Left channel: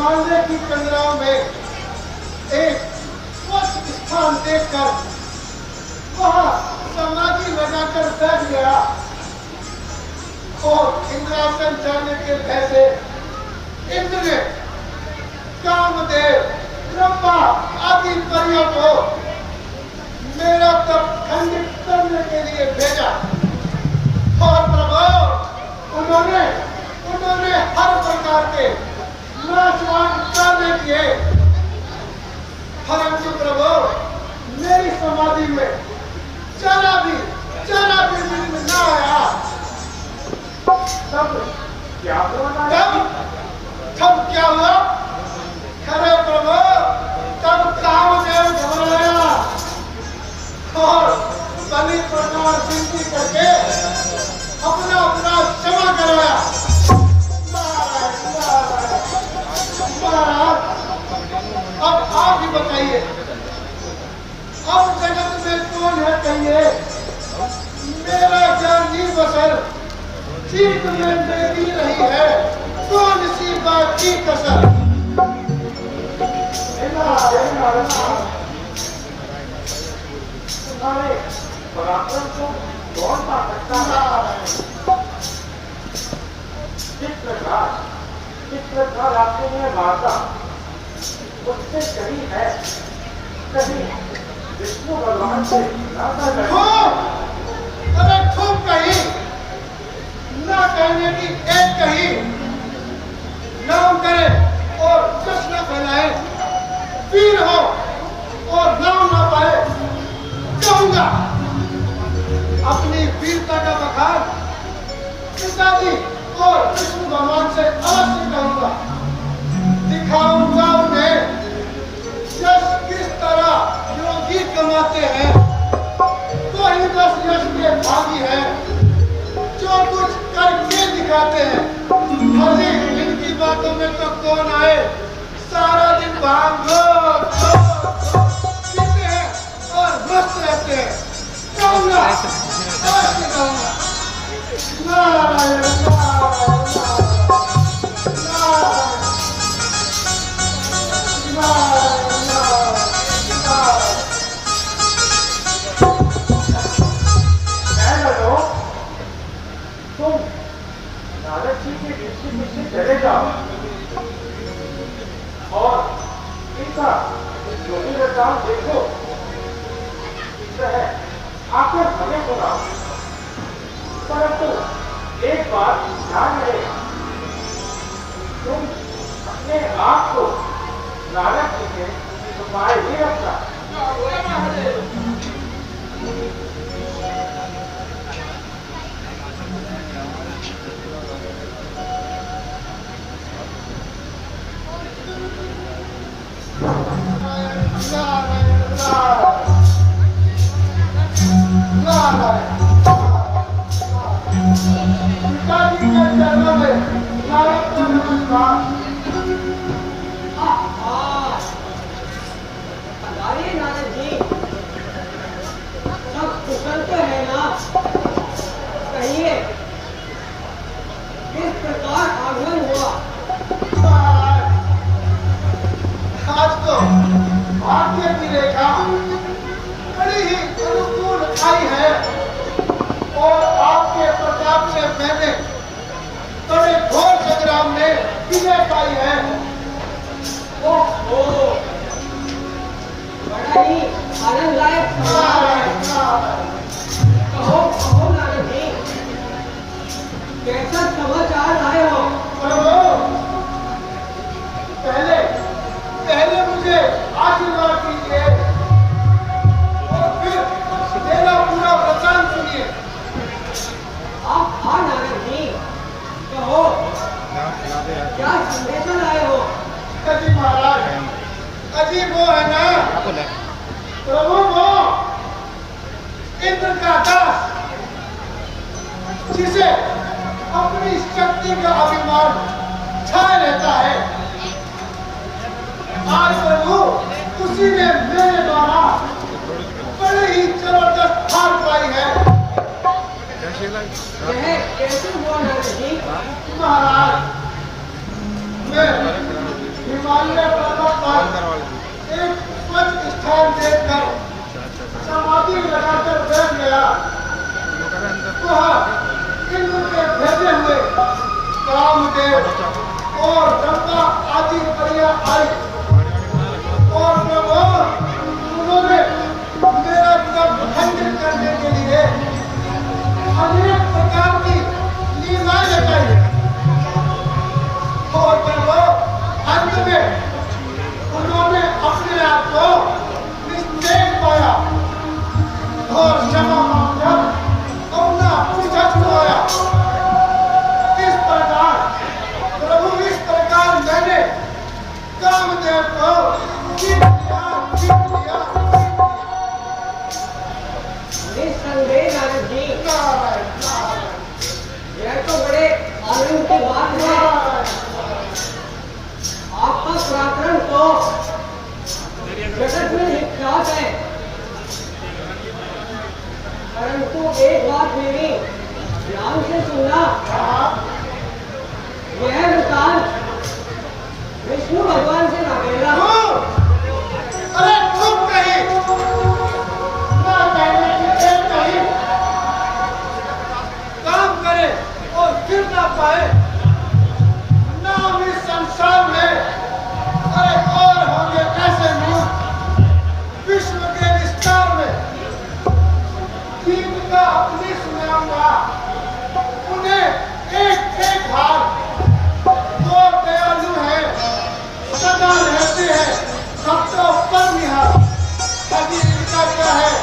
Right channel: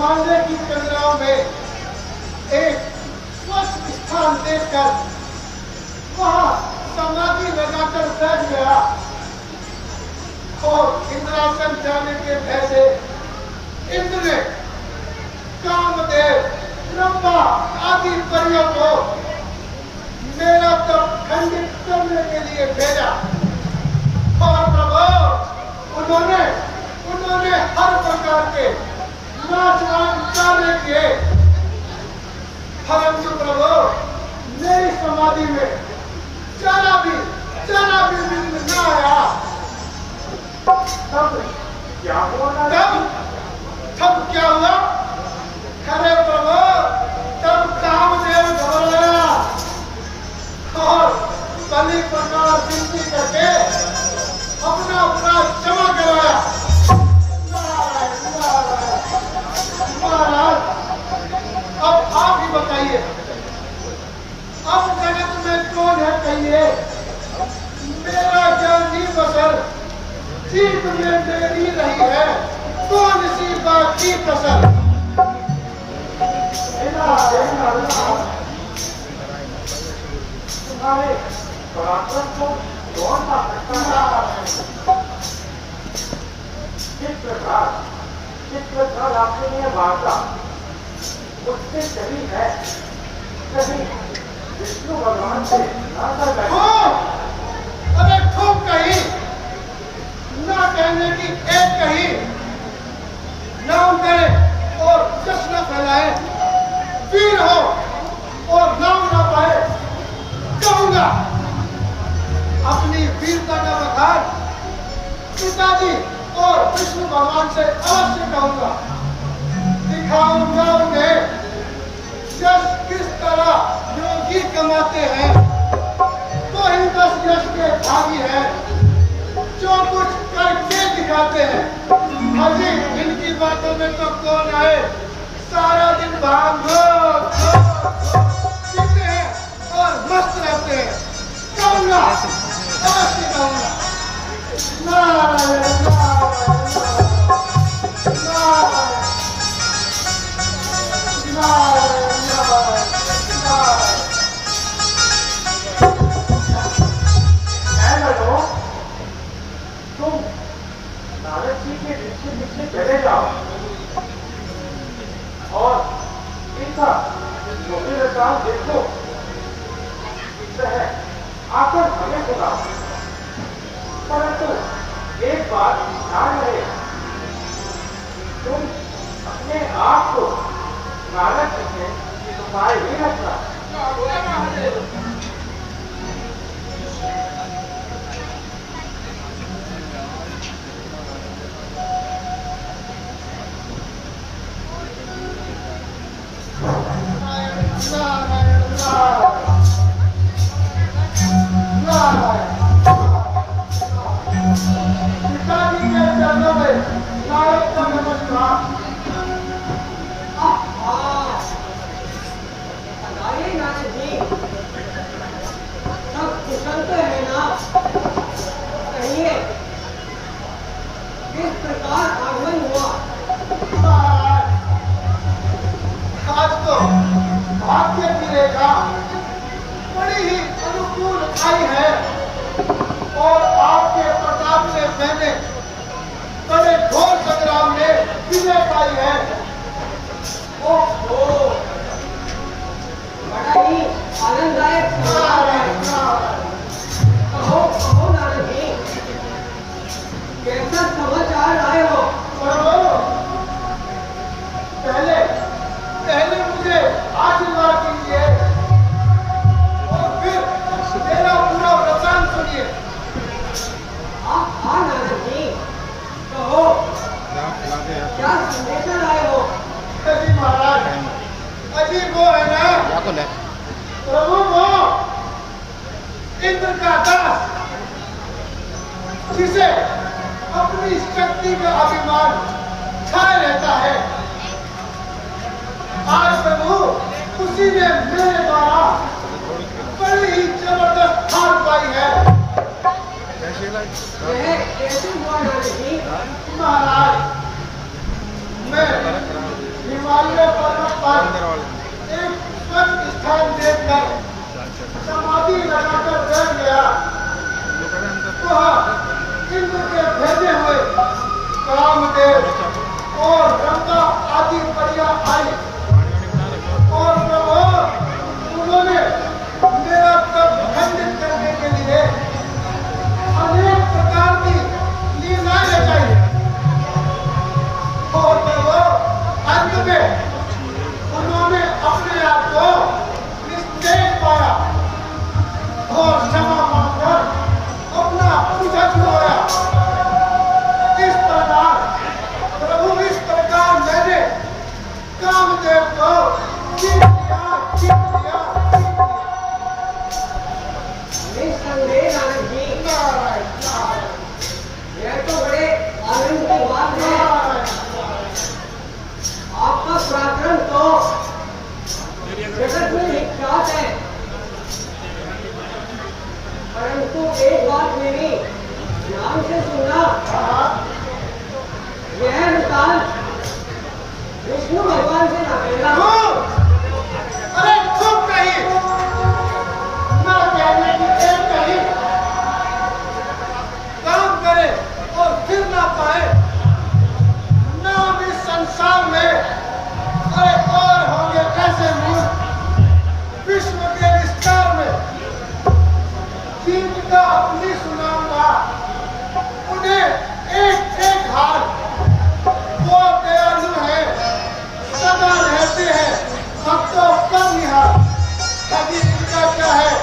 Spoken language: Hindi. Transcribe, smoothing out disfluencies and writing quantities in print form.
हिमालय की कंदराओं में एक स्वच्छ स्थान देखकर वहां समाधि लगाकर बैठ गया और इंद्रासन जाने के पहले इंद्र ने कामदेव, ब्रह्मा आदि परियों को मेरा तप खंडित करने के लिए भेजा और प्रभु उन्होंने हर प्रकार के नाशवान कार्य किए, परंतु प्रभु मेरी समाधि में जरा भी विघ्न न आया। तब क्या हुआ? खरे प्रभु तब कामदेव घबराया और बलि प्रकार विनती करके अपना अपराध क्षमा कराया। महाराज अब आप ही बताइए, अब जगत में कौन है कहिए? मेरा जानी बसर जीत में देरी रही है, कौन सी बात की कसर? तुम्हारे पराक्रम को कौन पा सकता है? जिस प्रकार आपने मुझे मारता उससे कहीं है, कहीं विष्णु भगवान से नाता अरे खूब कही, ना कहने की एक कही, नाम करे और जश्न फैलाए, वीर हो और नाम ना पाए, कहूंगा अपनी वीरता का बखान पिताजी और विष्णु भगवान से अवश्य कहूंगा। दिखाऊंगा उन्हें यश किस तरह योगी कमाते हैं, कोई 10 यश के भागी है जो कुछ करके दिखाते हैं। अजी इनकी बातों में तो कौन आए, सारा दिन भाग पीते हैं और मस्त रहते हैं। कहूंगा अवश्य कहूंगा। नारायण नारायण नारायण नारायण तुम नारद जी के पीछे चले जाओ और इनका ज्योतिर्मय काम देखो, आकर हमें सुनाओ। परंतु एक बात ध्यान रहे, तुम अपने आप को नारद जी के तुम्हारे ही रखना। पिताजी के चरणों में नारद का नमस्कार। नारद जी सब कुशल तो है ना? कहिए किस प्रकार आगमन हुआ? आज तो भाग्य की रेखा बड़ी ही अनुकूल आई है और आपके प्रताप से मैंने बड़े घोर संग्राम में विजय पाई है। ओहो, बड़ा ही आनंददायक समाचार है। कहो नारद जी, कैसा समाचार आए हो? पहले मुझे आशीर्वाद कीजिए और फिर मेरा पूरा वचन सुनिए। हाँ नारद जी, कहो क्या संदेशा लाए हो? अजी महाराज, अजी वो है ना प्रभु, वो इंद्र का दास जिसे अपनी शक्ति का अभिमान छाए रहता है, आज प्रभु उसी ने मेरे द्वारा बड़ी ही जबरदस्त हार पाई है। यह कैसे हुआ नारद जी? महाराज, मैं वह इंद्र के भेजे हुए कामदेव और गंगा आदि परियां आई और प्रभु उन्होंने मेरा तप खंडित करने के लिए अनेक प्रकार की लीलाएं लगाई और प्रभु अंत में उन्होंने अपने आप को निस्तेज पाया और क्षमा मांगकर अपना पीछा छुड़वाया। इस प्रकार प्रभु इस प्रकार मैंने कामदेव को जीत लिया। निस्संदेह नारद जी, यह तो बड़े आनंद की बात है। आपका पराक्रम तो जगत में विख्यात है, परंतु एक बात मैंने ध्यान से सुना, यह वृतांत विष्णु भगवान से ना मिला। अरे खूब कही, ना कहने की एक कही, काम करे और फिर ना पाए, नाम इस संसार में अरे और होंगे कैसे मूर्ख विश्व के विस्तार में जीत का अपनी सुनाऊंगा उन्हें एक एक हार। वो दयालु है, सदा रहते हैं भक्तों पर निहार। हदीस का क्या है